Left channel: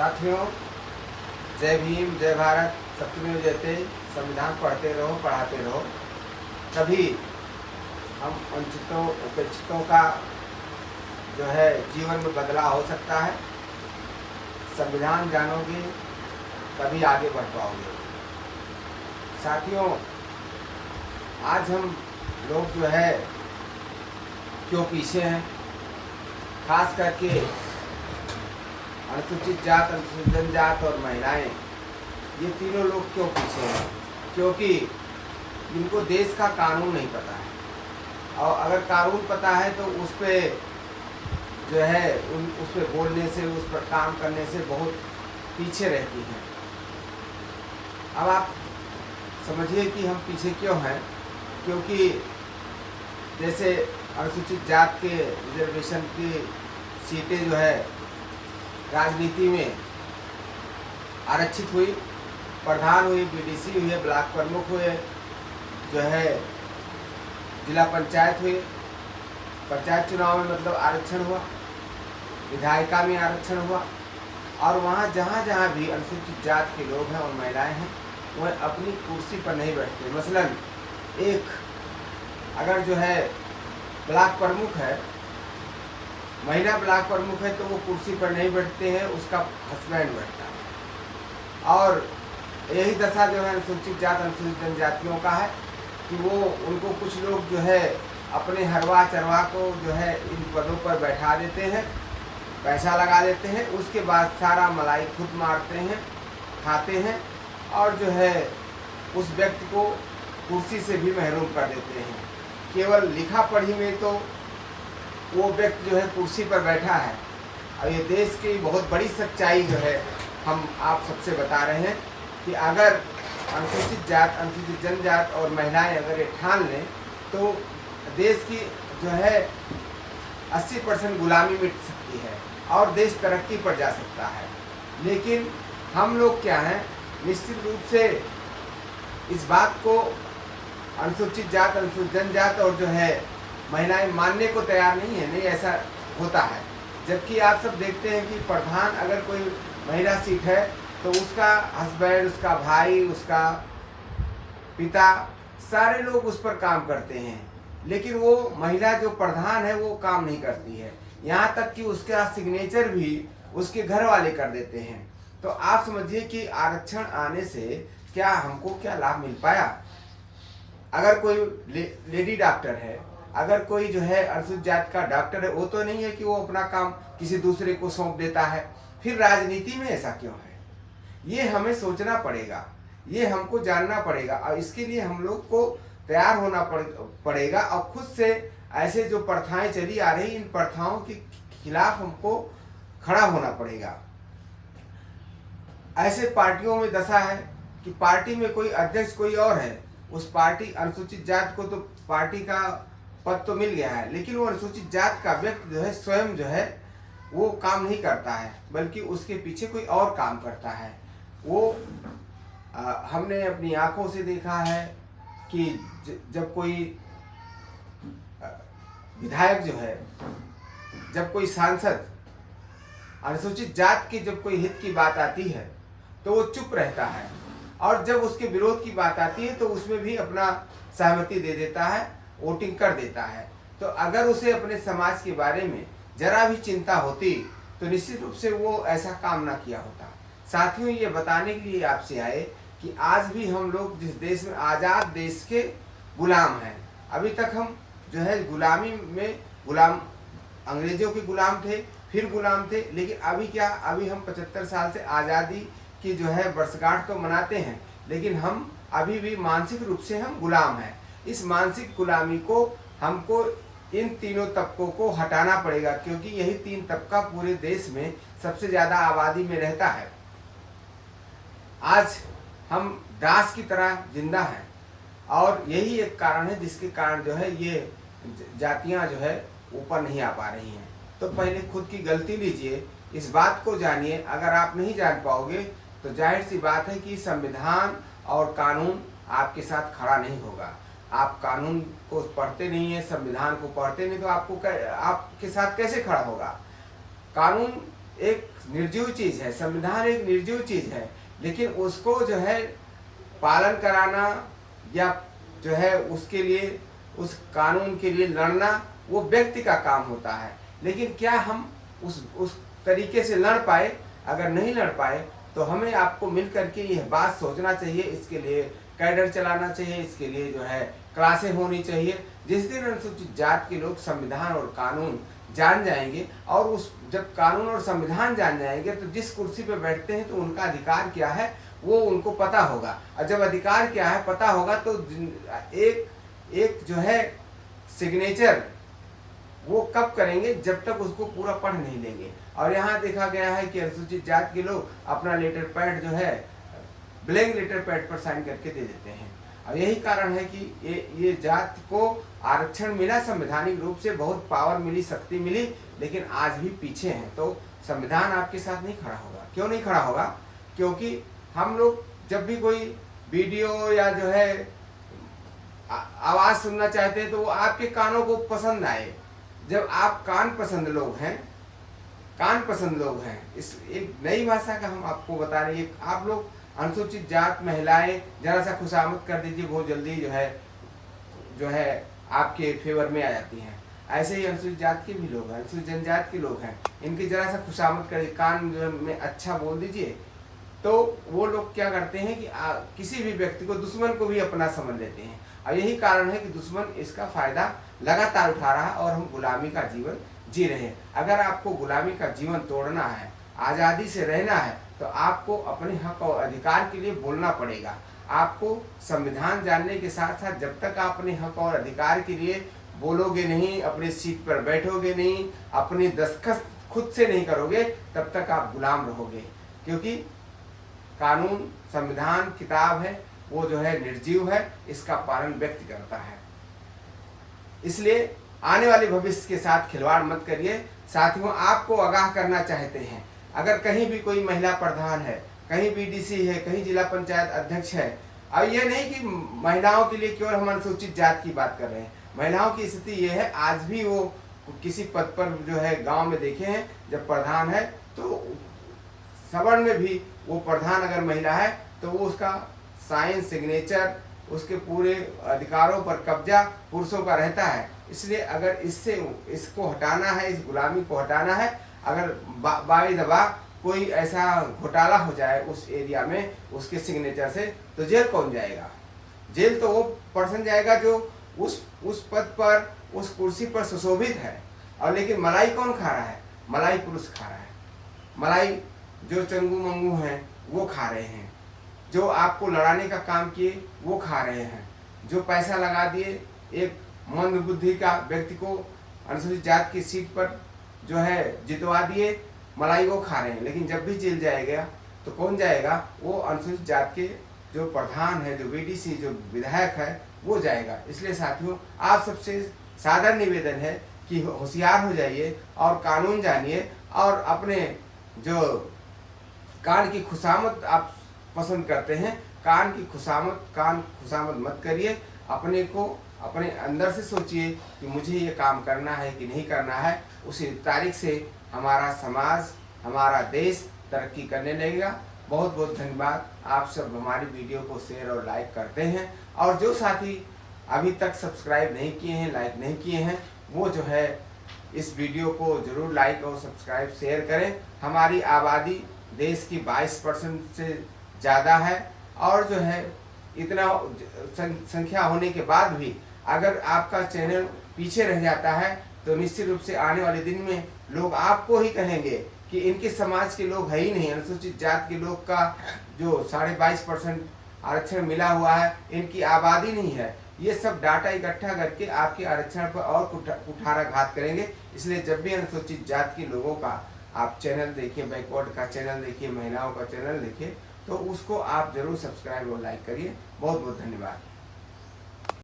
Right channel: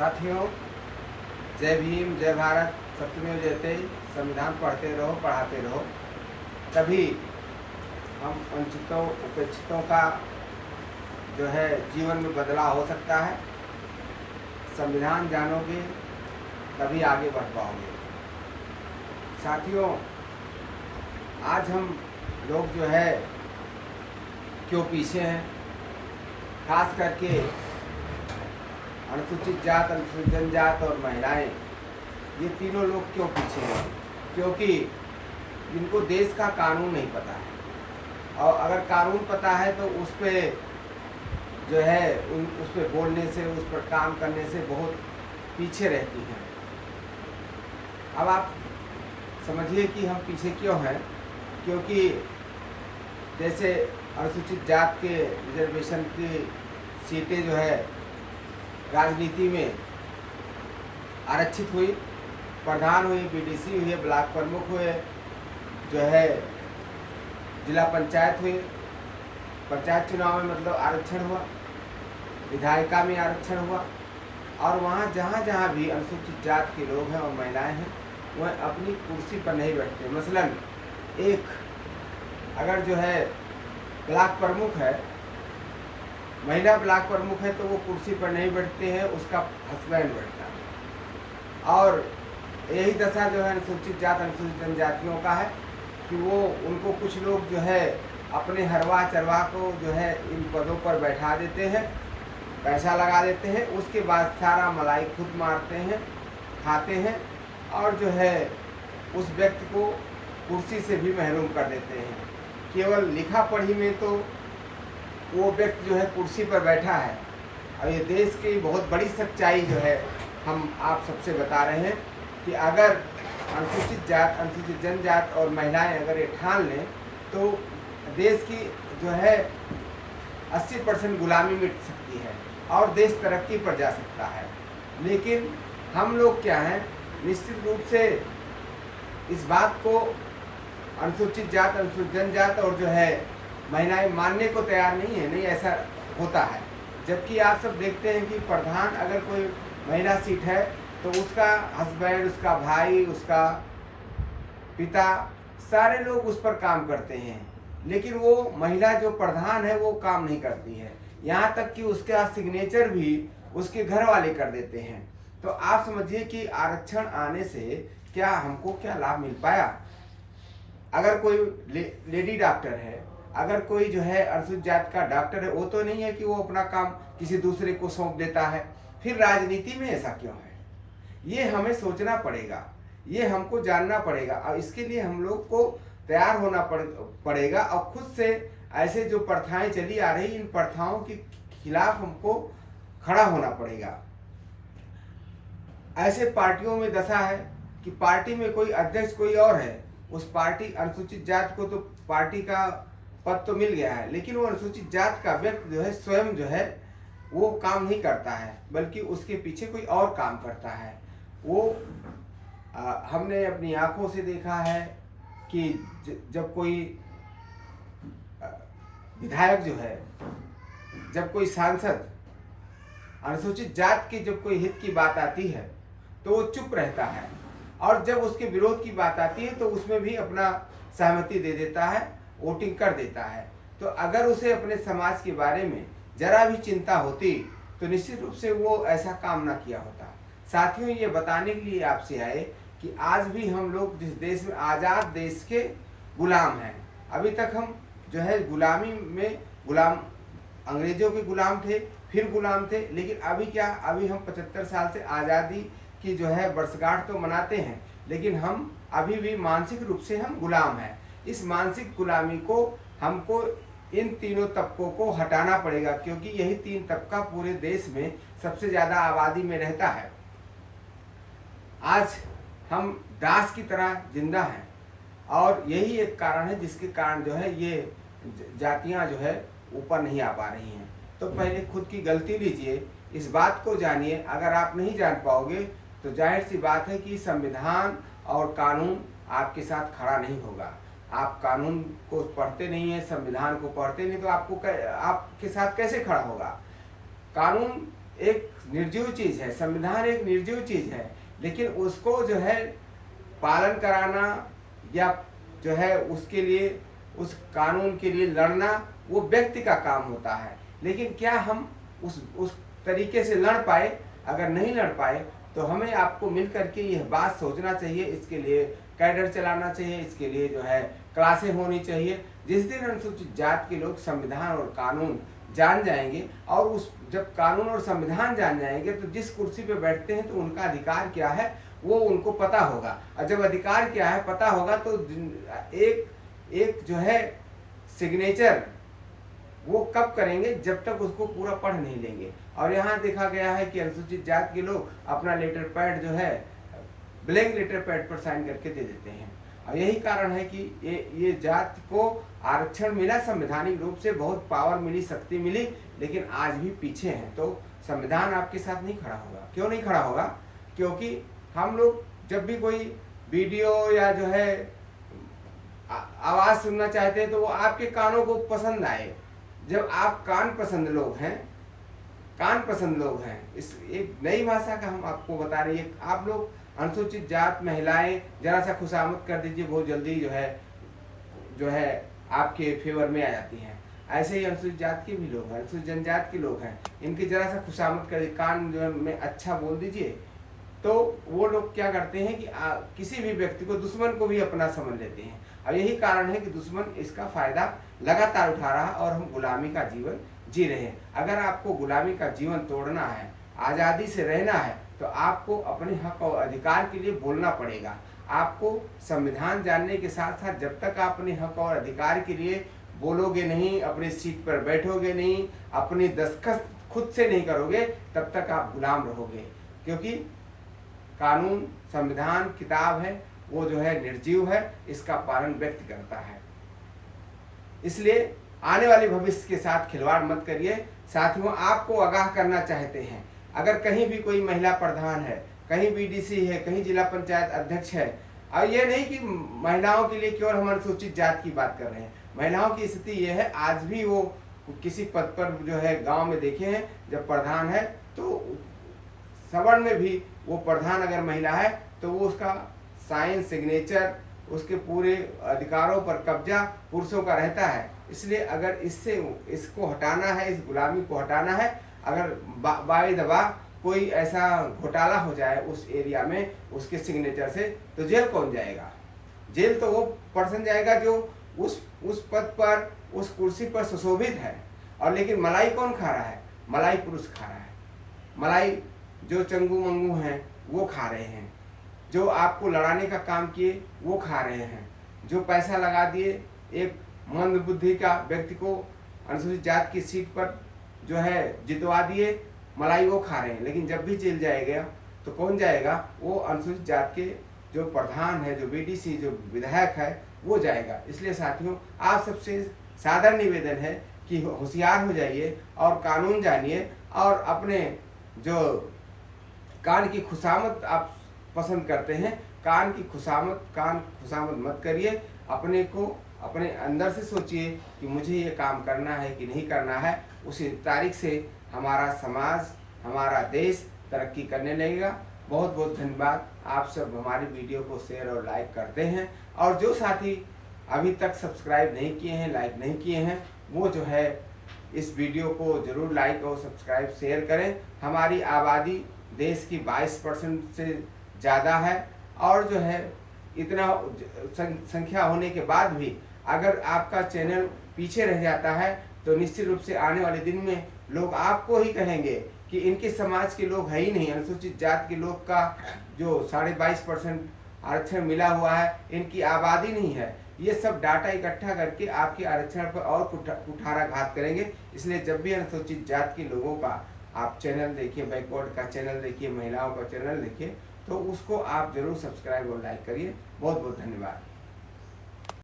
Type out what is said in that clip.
साथियों, जय भीम, जय भारत, सत्यमेव जयते। संविधान पढ़ते रहो, पढ़ाते रहो, तभी हम वंचितों उपेक्षितों का जो है जीवन में बदलाव हो सकता है। संविधान जानोगे तभी आगे बढ़ पाओगे। साथियों, आज हम लोग जो है क्यों पीछे हैं, खास करके अनुसूचित जात, अनुसूचित जनजात और महिलाएं, ये तीनों लोग क्यों पीछे हैं? क्योंकि इनको देश का कानून नहीं पता है, और अगर कानून पता है तो उस पर जो है उस पर बोलने से, उस पर काम करने से बहुत पीछे रहती हैं। अब आप समझिए कि हम पीछे क्यों हैं। क्योंकि जैसे अनुसूचित जात के रिजर्वेशन की सीटें जो है राजनीति में आरक्षित हुई, प्रधान हुए, बीडीसी हुए, ब्लॉक प्रमुख हुए, जो है जिला पंचायत हुई, पंचायत चुनाव में मतलब आरक्षण हुआ, विधायिका में आरक्षण हुआ, और वहाँ जहाँ जहाँ भी अनुसूचित जात के लोग हैं और महिलाएं हैं वह अपनी कुर्सी पर नहीं बैठते। मसलन एक अगर जो है ब्लॉक प्रमुख है, महिला ब्लॉक प्रमुख है, तो वो कुर्सी पर नहीं बैठते हैं, उसका हस्बैंड बैठता है। और यही दशा जो है अनुसूचित जात, अनुसूचित जनजातियों का है कि वो उनको कुछ लोग जो है अपने हरवा चरवा को जो है इन पदों पर बैठा देते हैं, पैसा लगा देते हैं, उसके बाद सारा मलाई खुद मारते हैं, खाते हैं, और जो है उस व्यक्ति को कुर्सी से भी महरूम कर देते हैं। केवल लिखा पढ़ी में तो वो व्यक्ति जो है कुर्सी पर बैठा है। और ये देश की बहुत बड़ी सच्चाई जो है हम आप सबसे बता रहे हैं कि अगर अनुसूचित जात, अनुसूचित जनजात और महिलाएं अगर ये ठान लें तो देश की जो है 80% गुलामी मिट सकती है और देश तरक्की पर जा सकता है। लेकिन हम लोग क्या हैं, निश्चित रूप से इस बात को अनुसूचित जात, अनुसूचित जनजात और जो है महिलाएं मानने को तैयार नहीं है। नहीं, ऐसा होता है। जबकि आप सब देखते हैं कि प्रधान अगर कोई महिला सीट है तो उसका हस्बैंड, उसका भाई, उसका पिता, सारे लोग उस पर काम करते हैं, लेकिन वो महिला जो प्रधान है वो काम नहीं करती है। यहाँ तक कि उसका सिग्नेचर भी उसके घर वाले कर देते हैं। तो आप समझिए कि आरक्षण आने से क्या हमको क्या लाभ मिल पाया। अगर कोई लेडी डॉक्टर है, अगर कोई जो है अनुसूचित जात का डॉक्टर है, वो तो नहीं है कि वो अपना काम किसी दूसरे को सौंप देता है। फिर राजनीति में ऐसा क्यों है, ये हमें सोचना पड़ेगा, ये हमको जानना पड़ेगा, और इसके लिए हम लोग को तैयार होना पड़ेगा। और खुद से ऐसे जो प्रथाएं चली आ रही, इन प्रथाओं के खिलाफ हमको खड़ा होना पड़ेगा। ऐसे पार्टियों में दशा है कि पार्टी में कोई अध्यक्ष कोई और है, उस पार्टी अनुसूचित जात को तो पार्टी का पद तो मिल गया है, लेकिन वो अनुसूचित जात का व्यक्ति जो है स्वयं जो है वो काम नहीं करता है, बल्कि उसके पीछे कोई और काम करता है। वो हमने अपनी आंखों से देखा है कि जब कोई विधायक जो है, जब कोई सांसद अनुसूचित जात के जब कोई हित की बात आती है तो वो चुप रहता है, और जब उसके विरोध की बात आती है तो उसमें भी अपना सहमति दे देता है, वोटिंग कर देता है। तो अगर उसे अपने समाज के बारे में जरा भी चिंता होती तो निश्चित रूप से वो ऐसा काम ना किया होता। साथियों, ये बताने के लिए आपसे आए कि आज भी हम लोग जिस देश में, आज़ाद देश के गुलाम हैं। अभी तक हम जो है गुलामी में गुलाम, अंग्रेजों के गुलाम थे, फिर गुलाम थे, लेकिन अभी क्या, अभी हम 75 साल से आज़ादी की जो है वर्षगांठ तो मनाते हैं, लेकिन हम अभी भी मानसिक रूप से हम गुलाम हैं। इस मानसिक गुलामी को हमको इन तीनों तबकों को हटाना पड़ेगा, क्योंकि यही तीन तबका पूरे देश में सबसे ज़्यादा आबादी में रहता है। आज हम दास की तरह जिंदा हैं, और यही एक कारण है जिसके कारण जो है ये जातियां जो है ऊपर नहीं आ पा रही हैं। तो पहले खुद की गलती लीजिए, इस बात को जानिए। अगर आप नहीं जान पाओगे तो जाहिर सी बात है कि संविधान और कानून आपके साथ खड़ा नहीं होगा। आप कानून को पढ़ते नहीं है, संविधान को पढ़ते नहीं, तो आपके साथ कैसे खड़ा होगा। कानून एक निर्जीव चीज़ है, संविधान एक निर्जीव चीज़ है, लेकिन उसको जो है पालन कराना या जो है उसके लिए, उस कानून के लिए लड़ना वो व्यक्ति का काम होता है। लेकिन क्या हम उस तरीके से लड़ पाए? अगर नहीं लड़ पाए तो हमें आपको मिल करके यह बात सोचना चाहिए, इसके लिए कैडर चलाना चाहिए, इसके लिए जो है क्लासें होनी चाहिए। जिस दिन अनुसूचित जाति के लोग संविधान और कानून जान जाएंगे, और उस जब कानून और संविधान जान जाएंगे तो जिस कुर्सी पर बैठते हैं तो उनका अधिकार क्या है वो उनको पता होगा। और जब अधिकार क्या है पता होगा तो एक जो है सिग्नेचर वो कब करेंगे? जब तक उसको पूरा पढ़ नहीं लेंगे। और यहाँ देखा गया है कि अनुसूचित जाति के लोग अपना लेटर पैड जो है ब्लैंक लेटर पैड पर साइन करके दे देते हैं। और यही कारण है कि ये जाति को आरक्षण मिला, संवैधानिक रूप से बहुत पावर मिली, शक्ति मिली, लेकिन आज भी पीछे हैं। तो संविधान आपके साथ नहीं खड़ा होगा। क्यों नहीं खड़ा होगा? क्योंकि हम लोग जब भी कोई वीडियो या जो है आवाज़ सुनना चाहते हैं तो वो आपके कानों को पसंद आए। जब आप कान पसंद लोग हैं, इस एक नई भाषा का हम आपको बता रहे हैं। आप लोग अनुसूचित जात महिलाएं जरा सा खुशामद कर दीजिए, बहुत जल्दी जो है आपके फेवर में आ जाती हैं। ऐसे ही अनुसूचित जात के भी लोग हैं, अनुसूचित जनजात के लोग हैं, इनकी जरा सा खुशामद कर कान जो है में अच्छा बोल दीजिए, तो वो लोग क्या करते हैं कि किसी भी व्यक्ति को, दुश्मन को भी अपना समझ लेते हैं। और यही कारण है कि दुश्मन इसका फायदा लगातार उठा रहा है और हम गुलामी का जीवन जी रहे हैं। अगर आपको गुलामी का जीवन तोड़ना है, आज़ादी से रहना है, तो आपको अपने हक और अधिकार के लिए बोलना पड़ेगा। आपको संविधान जानने के साथ साथ जब तक आप अपने हक और अधिकार के लिए बोलोगे नहीं, अपने सीट पर बैठोगे नहीं, अपनी दस्तखत खुद से नहीं करोगे, तब तक आप गुलाम रहोगे। क्योंकि कानून, संविधान किताब है, वो जो है निर्जीव है, इसका पालन व्यक्ति करता है। इसलिए आने वाले भविष्य के साथ खिलवाड़ मत करिए। साथियों, आपको आगाह करना चाहते हैं, अगर कहीं भी कोई महिला प्रधान है, कहीं बीडीसी है, कहीं जिला पंचायत अध्यक्ष है, अब ये नहीं कि महिलाओं के लिए केवल हम अनुसूचित जाति की बात कर रहे हैं। महिलाओं की स्थिति ये है, आज भी वो किसी पद पर जो है गांव में देखे हैं, जब प्रधान है तो सवर्ण में भी वो प्रधान अगर महिला है तो वो उसका साइन, सिग्नेचर, उसके पूरे अधिकारों पर कब्जा पुरुषों का रहता है। इसलिए अगर इसको हटाना है, इस गुलामी को हटाना है, अगर बाई दबा कोई ऐसा घोटाला हो जाए उस एरिया में उसके सिग्नेचर से, तो जेल कौन जाएगा? जेल तो वो पर्सन जाएगा जो उस पद पर, उस कुर्सी पर सुशोभित है। और लेकिन मलाई कौन खा रहा है? मलाई पुरुष खा रहा है। मलाई जो चंगू मंगू हैं वो खा रहे हैं, जो आपको लड़ाने का काम किए वो खा रहे हैं, जो पैसा लगा दिए एक मंद बुद्धि का व्यक्ति को अनुसूचित जाति की सीट पर जो है जितवा दिए, मलाई वो खा रहे हैं। लेकिन जब भी जेल जाएगा तो कौन जाएगा? वो अनुसूचित जाति के जो प्रधान है, जो बीडीसी, जो विधायक है, वो जाएगा। इसलिए साथियों, आप सबसे सादर निवेदन है कि होशियार हो जाइए और कानून जानिए, और अपने जो कान की खुशामद आप पसंद करते हैं, कान खुशामद मत करिए। अपने को अपने अंदर से सोचिए कि मुझे ये काम करना है कि नहीं करना है। उसी तारीख से हमारा समाज, हमारा देश तरक्की करने लगेगा। बहुत बहुत धन्यवाद। आप सब हमारी वीडियो को शेयर और लाइक करते हैं, और जो साथी अभी तक सब्सक्राइब नहीं किए हैं, लाइक नहीं किए हैं, वो जो है इस वीडियो को जरूर लाइक और सब्सक्राइब शेयर करें। हमारी आबादी देश की 22% से ज़्यादा है, और जो है इतना संख्या होने के बाद भी अगर आपका चैनल पीछे रह जाता है तो निश्चित रूप से आने वाले दिन में लोग आपको ही कहेंगे कि इनके समाज के लोग है ही नहीं। अनुसूचित जाति के लोग का जो 22.5% आरक्षण मिला हुआ है, इनकी आबादी नहीं है। ये सब डाटा इकट्ठा करके आपके आरक्षण पर और कुठाराघात करेंगे। इसलिए जब भी अनुसूचित जाति के लोगों का आप चैनल देखिए, बैकवर्ड का चैनल देखिए, महिलाओं का चैनल देखिए, तो उसको आप जरूर सब्सक्राइब और लाइक करिए। बहुत बहुत धन्यवाद।